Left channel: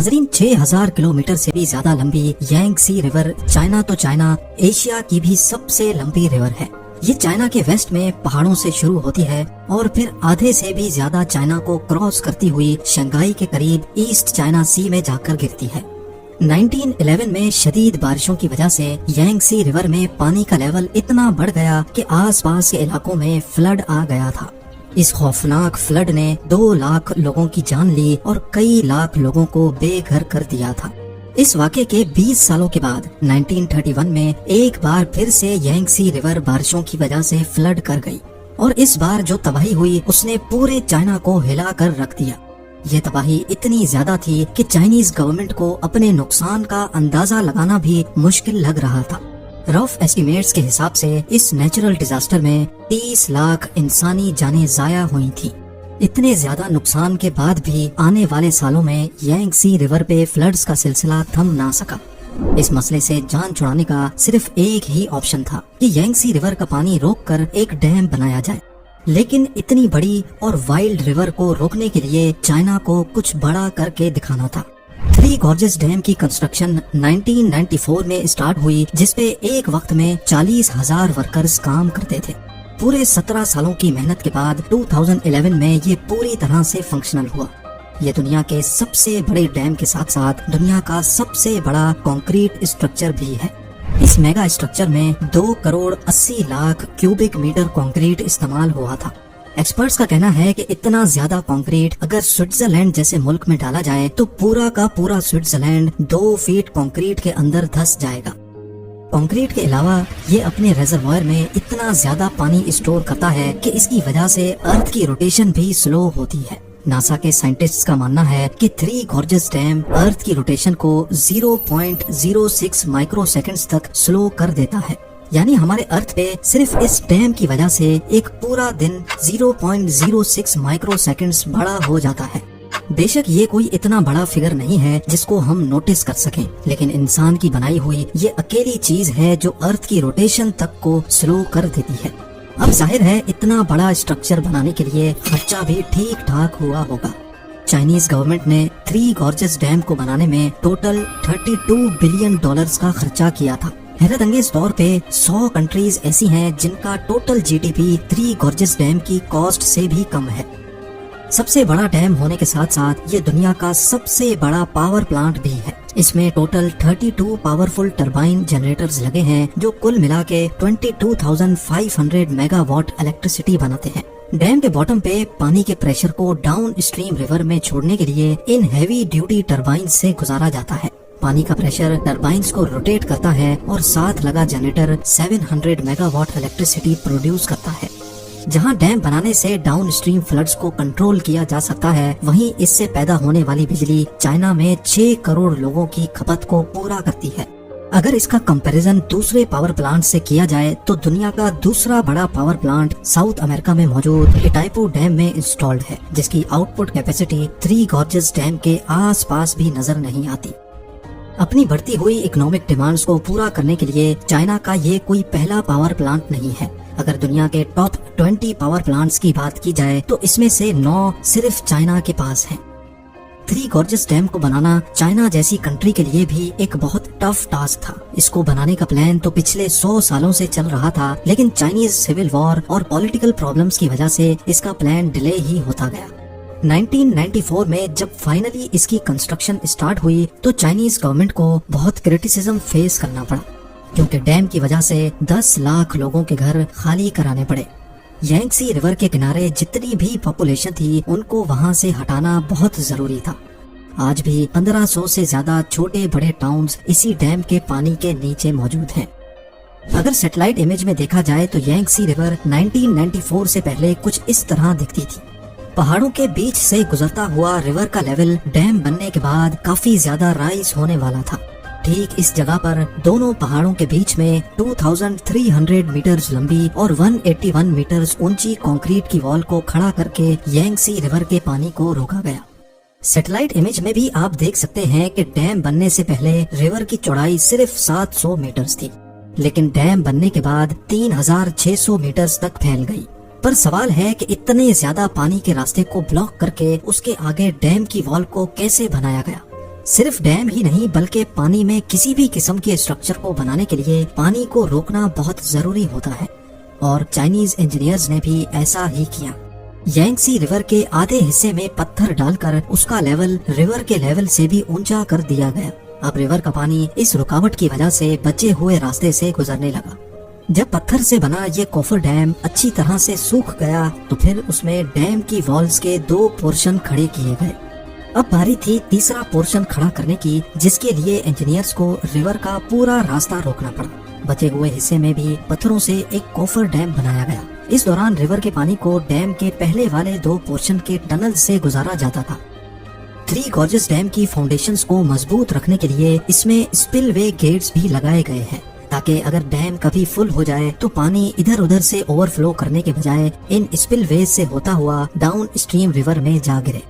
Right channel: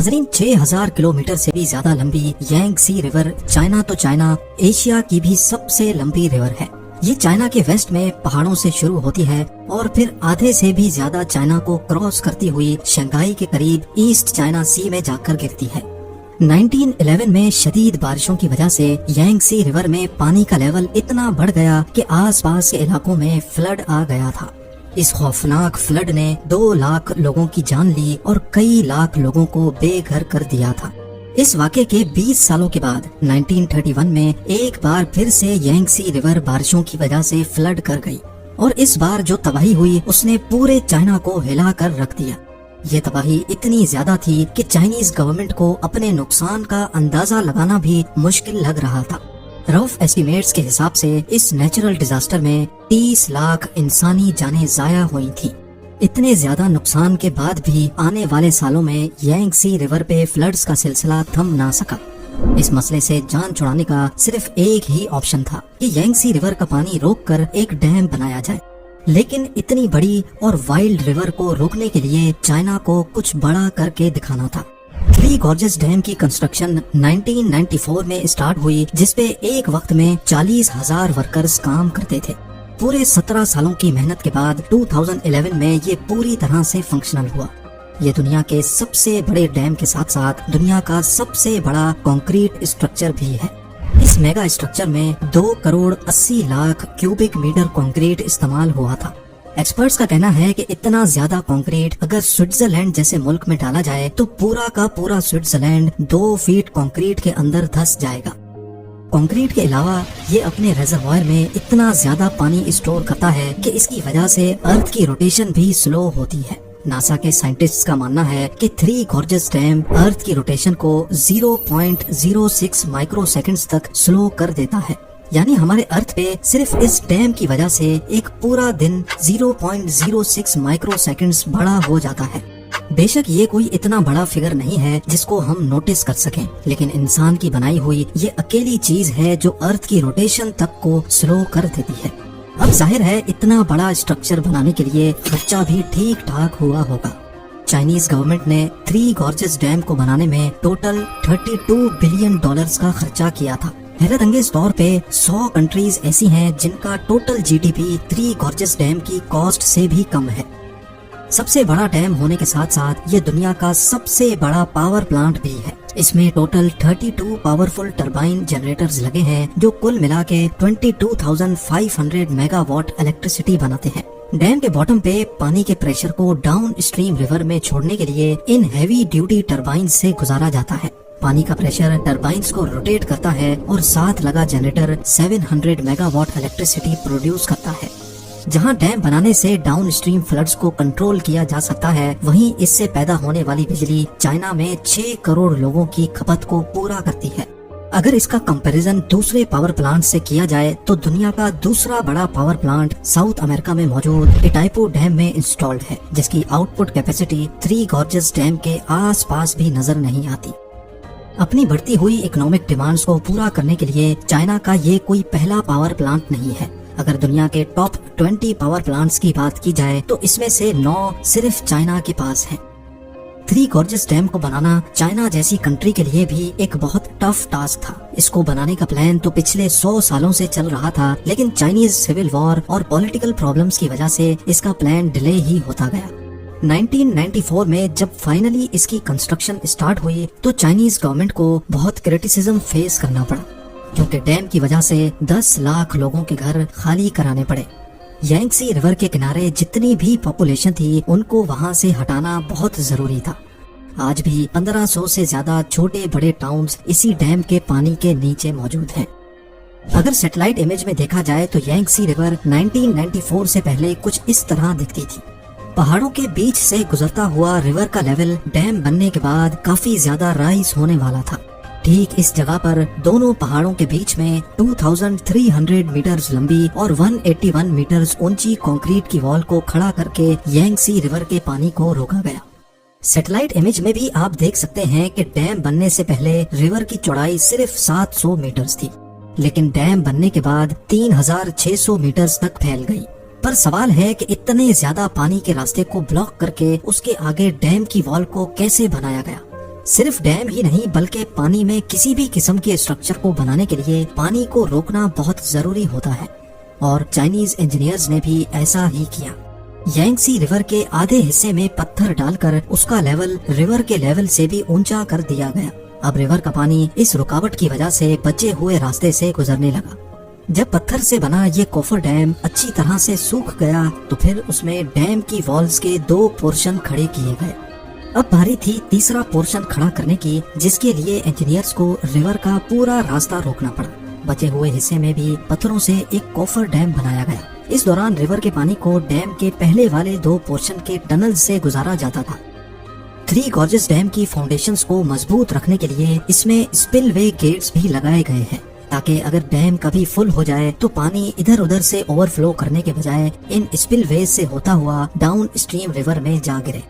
नाजरीन, 6000 किलोमीटर से भी ज्यादा लंबी यांगसी रिवर चाइना तो चाइना एशिया की भी सबसे लंबी रिवर है। ये चाइना के वेस्ट में पहाड़ों से शुरू होती है और फिर आधे से भी ज्यादा चाइना को क्रॉस करती हुई शंघाई के करीब ईस्ट चाइना सी में जाकर गिरती है। 1911 में शदीद बारिशों की वजह से यांगसी रिवर में पानी का लेवल इतना बढ़ गया कि आसपास के इलाकों में फ्लड आ गया था। इस खौफनाक फ्लड ने 2 लाख लोगों की जान ली और कई लाख लोगों को बेघर कर दिया था। इस वाक़े के 20 सालों के बाद 1931 में एक बार फिर से यांगसी रिवर बारिशों की वजह से फ्लड कर गई और इस बार जो तबाही हुई उसने पूरे चाइना को हिला कर रख दिया। ये तबाही इतनी ज्यादा थी कि चाइनीज गवर्नमेंट को अपने नुकसान का अंदाजा लगाना भी मुश्किल लग रहा था। रफ एस्टिमेट्स के हिसाब से इस नेचुरल डिजास्टर में 30 लाख इंसानी जानें जाया हुई थी। इतने ज्यादा नुकसान के बाद भी आने वाले सालों में यांगसी रिवर पे फ्लड्स का सिलसिला थम ना सका। इस मसले से जान छुड़ाने का सिर्फ एक ही ऑप्शन था कि यांगसी रिवर का पानी रोककर एक डैम बनाया जाए। लेकिन इतनी बड़ी और वाइल्ड रिवर को रोकने के लिए चाइना को कुछ बड़ा करके दिखाना था। थ्री गॉर्जेस डैम की कंस्ट्रक्शन 1994 में स्टार्ट हुई, जिसपे एक वक्त में 40,000 वर्कर्स काम करते थे। पूरे 17 सालों की मेहनत के बाद 2011 में ये पूरी तरह से फंक्शनल हुआ। ये दुनिया के सबसे बड़े डैम के साथ साथ दुनिया का सबसे बड़ा कंक्रीट स्ट्रक्चर भी है। इस मेगा स्ट्रक्चर में 2 crore 80 lakh cubic meter concrete इस्तेमाल हुआ था। एक्सपर्ट्स का कहना है कि इतना ज्यादा कंक्रीट अगर स्विट्जरलैंड जैसे मुल्क में डाला जाए तो पूरा का पूरा स्विट्जरलैंड 2 फीट कंक्रीट के अंदर धंस जाएगा। कंक्रीट के अलावा ये अपने रेजर्वायर में इतना ज्यादा पानी स्टोर करता है कि इसकी वजह से अर्थ की रोटेशन भी स्लो होती है। नासा के साइंटिस्ट्स का मानना है कि थ्री गॉर्जेस डैम अर्थ की रोटेशन को 0.06 माइक्रो सेकेंड्स तक स्लो कर देता है। यानी हमारे अर्थ पे सिर्फ इस डैम की वजह से एक पूरा दिन 0.06 माइक्रो सेकेंड्स बड़ा हो जाता है। बेशक ये कोई इतना बड़ा फिगर नहीं है जिसको हम नोटिस कर सकें, लेकिन इंसान की बनाई हुई ये अकेली चीज है जो अर्थ की रोटेशन तक को स्लो कर देती है। अब जाहिर है इतना बड़ा स्ट्रक्चर बनाने के लिए खर्चा भी ठीक ठाक हुआ होगा। चाइनीज गवर्नमेंट ने थ्री गॉर्जेस डैम को बनाने में टोटल $32 बिलियन का खर्चा किया था। हैरत अंगेज तौर पे 100 कंट्रीज ऐसी हैं जिनका total GDP three gorges dam की कॉस्ट से भी कम है। सबसे बड़ा डैम होने के साथ साथ ये दुनिया का सबसे बड़ा पावर प्लांट भी है। इसमें टोटल 32 पावरफुल टरबाइन जनरेटर्स लगे हैं जो कुल मिला के 22,500 मेगावाट इलेक्ट्रिसिटी बनाते हैं। डैम के बॉटम पे पानी के प्रेशर को डाउन स्ट्रीम रिवर में छोड़ने के लिए इन हैवी ड्यूटी टरबाइन से गुजारा जाता है। पानी का प्रेशर टरबाइन्स को रोटेट करता है और साथ लगा जनरेटर 700 मेगावाट इलेक्ट्रिसिटी प्रोड्यूस करता है। जहां डैम बनाने से डाउन स्ट्रीम फ्लड्स को कंट्रोल किया जा सकता है, वहीं इससे पैदा होने वाली बिजली चाइना में 6 करोड़ लोगों की खपत को पूरा करती है। अगर इसका कंपैरिजन दूसरे पावर प्लांट से किया जाए तो दुनिया का दूसरा बड़ा पावर प्लांट साउथ अमेरिका में मौजूद इटाइपो डैम में इंस्टॉल्ड है, जिसकी output capacity three gorges dam के आसपास भी नजर नहीं आती। अपनी बढ़ती हुई इकोनॉमिक डिमांड्स को पूरा करने के लिए चाइना का ये कोई पहला पावर प्लांट नहीं है। अगर दुनिया के टॉप 20 पावर प्लांट्स की बात की जाए तो इसमें से 9 सिर्फ चाइना के पास हैं। थ्री गॉर्जेस डैम को बनाना चाइना जैसी कंट्री के लिए भी एक बहुत टफ टास्क था। इसको बनाने का प्लान तो पिछले 100 सालों से चल रहा था, लेकिन चाइनीज सिविल वॉर और पॉलिटिकल प्रॉब्लम्स की वजह से इसका प्लान डिले ही होता गया। 1994 में जब फाइनली इसकी कंस्ट्रक्शन स्टार्ट हुई तो चाइनीज गवर्नमेंट को बहुत क्रिटिसिज्म फेस करना पड़ा, क्योंकि डैम की वजह से 10 लाख लोगों के घर खाली कराने पड़े। यांगसी रिवर के किनारे जितनी भी पॉपुलेशन थी उनको वहां से हटाना बहुत जरूरी था। आज भी 1500 से ज्यादा छोटे बड़े टाउन्स इसी डैम के पानी के नीचे मौजूद हैं। अगर सैटेलाइट इमेज में देखा जाए तो यांगसी रिवर 1994 से पहले कुछ इस तरह दिखती थी। पहाड़ों के बीच से गुजरता हुआ रिवर का लेवल डैम बनने के बाद काफी ज्यादा राइज होने वाला था। ठीक इस जगह पर दोनों पहाड़ों के बीच में 2300 मीटर्स लंबी और 181 मीटर्स ऊंची कंक्रीट की वॉल को खड़ा करके यांगसी रिवर के पानी को रोका गया। सैटेलाइट इमेज में भी आप देख सकते हैं कि डैम बनने से पहले रिवर की चौड़ाई सिर्फ 700 मीटर्स थी, लेकिन डैम बनने के बाद 3600 मीटर्स तक फैल गई। पर सवाल है कि इतने ज्यादा पानी के रास्ते को ब्लॉक करके उसके आगे डैम की वॉल को कैसे बनाया गया। صرف ڈیم ہی نہیں بلکہ پانی میں کسی بھی قسم کے اسٹرکچر کو بنانے کے لیے پانی کو روکنا بہت ضروری ہوتا ہے، اور چائنیز انجینئرز نے بھی ایسا ہی کیا۔ یانگسی ریور کے آدھے حصے میں پتھر ڈال کر اس کا لیول ریور کے لیول سے بھی اونچا کر دیا گیا۔ اب ریور کا پانی اس رکاوٹ کی وجہ سے بچے ہوئے راستے سے گزرنے لگا۔ جب پتھر سے بنا یہ کوفر ڈیم اچھی طرح سے سوکھ گیا تو پھر اس میں ڈیم کی والز کے 2 پورشن کھڑے کیے گئے۔ اب باری تھی تیسرا پورشن کھڑا کرنے کی، جس کے لیے انجینئرز کو ریور کا پورا راستہ روکنا پڑا۔ بچے ہوئے حصے میں بھی پتھروں سے ایک کوفر ڈیم بنایا گیا۔ اس دوران ریور کے پانی کو ڈیم کے پہلے والے 2 پورشن کے ٹنل سے گزارا جاتا تھا۔ 3 گارجز ڈیم کی فاؤنڈیشنز کو مضبوط رکھنے کے لیے اس میں اسپل وے گیٹس بھی لگائے گئے ہیں، تاکہ اگر ڈیم کبھی فل ہو جائے تو پانی ادھر ادھر سے اوور فلو کرنے کے بجائے ان اسپل ویز سے ہوتا ہوا ڈاؤن اسٹریم ریور میں جا گرے۔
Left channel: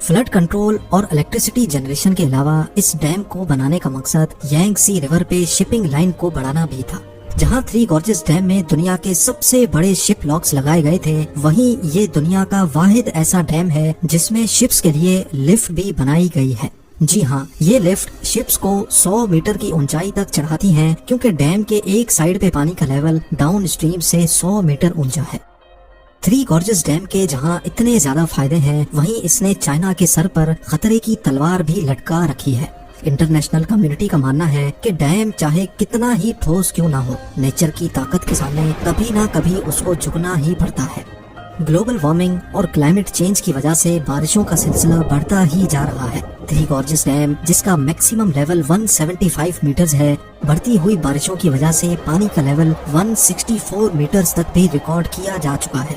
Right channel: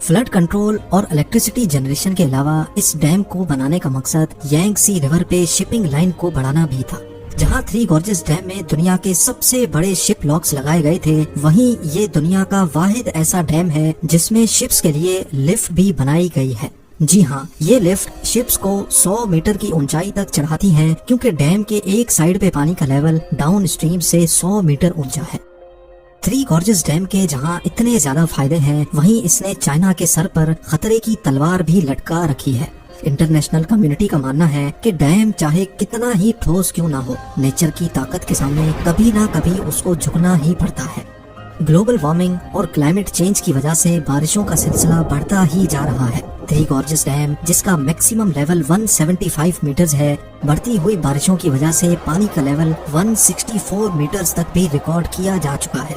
فلڈ کنٹرول اور الیکٹریسٹی جنریشن کے علاوہ اس ڈیم کو بنانے کا مقصد یانگسی ریور پہ شپنگ لائن کو بڑھانا بھی تھا۔ جہاں 3 گارجز ڈیم میں دنیا کے سب سے بڑے شپ لاکس لگائے گئے تھے، وہیں یہ دنیا کا واحد ایسا ڈیم ہے جس میں شپس کے لیے لفٹ بھی بنائی گئی ہے۔ جی ہاں، یہ لفٹ شپس کو 100 میٹر کی اونچائی تک چڑھاتی ہیں، کیونکہ ڈیم کے ایک سائیڈ پہ پانی کا لیول ڈاؤن اسٹریم سے 100 میٹر اونچا ہے۔ 3 گارجز ڈیم کے جہاں اتنے زیادہ فائدے ہیں، وہیں اس نے چائنا کے سر پر خطرے کی تلوار بھی لٹکا رکھی ہے۔ انٹرنیشنل کمیونٹی کا ماننا ہے کہ ڈیم چاہے کتنا ہی ٹھوس کیوں نہ ہو، نیچر کی طاقت کے سامنے کبھی نہ کبھی اس کو جھکنا ہی پڑتا ہے۔ گلوبل وارمنگ اور کلائمیٹ چینج کی وجہ سے بارشوں کا سلسلہ بڑھتا ہی جا رہا ہے۔ 3 گارجز ڈیم، جس کا میکسیمم لیول 175 میٹرز ہے، بڑھتی ہوئی بارشوں کی وجہ سے پانی کا لیول 164 میٹرز تک بھی ریکارڈ کیا جا چکا ہے۔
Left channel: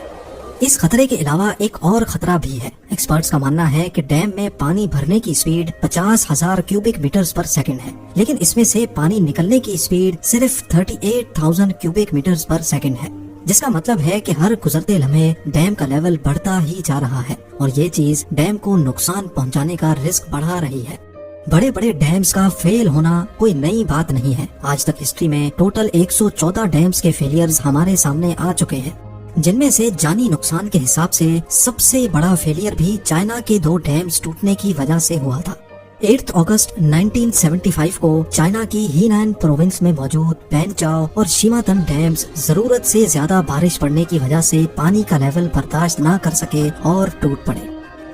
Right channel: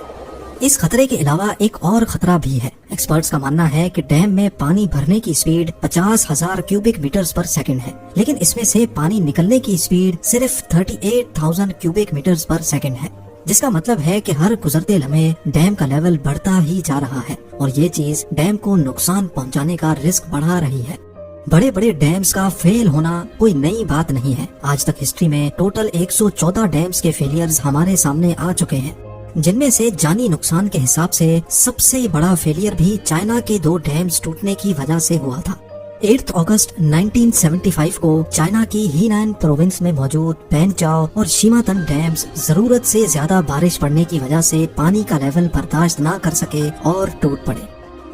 اس خطرے کے علاوہ ایک اور خطرہ بھی ہے۔ ایکسپرٹس کا ماننا ہے کہ ڈیم میں پانی بھرنے کی speed 50,000 cubic meters per second ہے، لیکن اس میں سے پانی نکلنے کی سپیڈ صرف 38,000 کیوبک میٹرز پر سیکنڈ ہے، جس کا مطلب ہے کہ ہر گزرتے لمحے ڈیم کا لیول بڑھتا ہی جا رہا ہے، اور یہ چیز ڈیم کو نقصان پہنچانے کا رسک بڑھا رہی ہے۔ بڑے بڑے ڈیمز کا فیل ہونا کوئی نئی بات نہیں ہے۔ آج تک ہسٹری میں ٹوٹل 114 ڈیمز کے فیلیئرز ہمارے سامنے آ چکے ہیں، جن میں سے جانی نقصان کے حساب سے سب سے بڑا فیلئر بھی چائنا کے 2 ڈیمز ٹوٹنے کی وجہ سے ہوا تھا۔ 8 اگست 1975 کو چائنا کی ہینان پروونس میں موجود پینچاؤ اور شیماتن ڈیمز ضرورت سے زیادہ بارش پڑنے کی وجہ سے پانی کا لیول برداشت نہ کر سکے اور ٹوٹ پڑے۔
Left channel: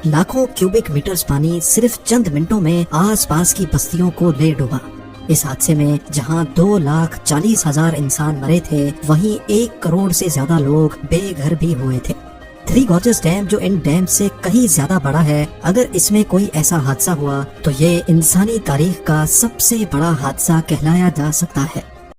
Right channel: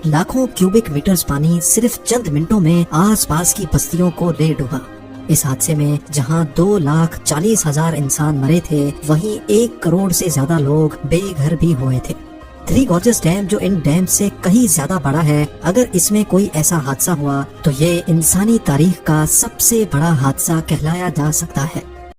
لاکھوں کیوبک میٹرز پانی صرف چند منٹوں میں آس پاس کی بستیوں کو لے ڈوبا۔ اس حادثے میں جہاں 2,40,000 انسان مرے تھے، وہیں 1 کروڑ سے زیادہ لوگ بے گھر بھی ہوئے تھے۔ 3 گارجز ڈیم، جو ان ڈیم سے کہیں زیادہ بڑا ہے، اگر اس میں کوئی ایسا حادثہ ہوا تو یہ انسانی تاریخ کا سب سے بڑا حادثہ کہلایا جا سکتا ہے۔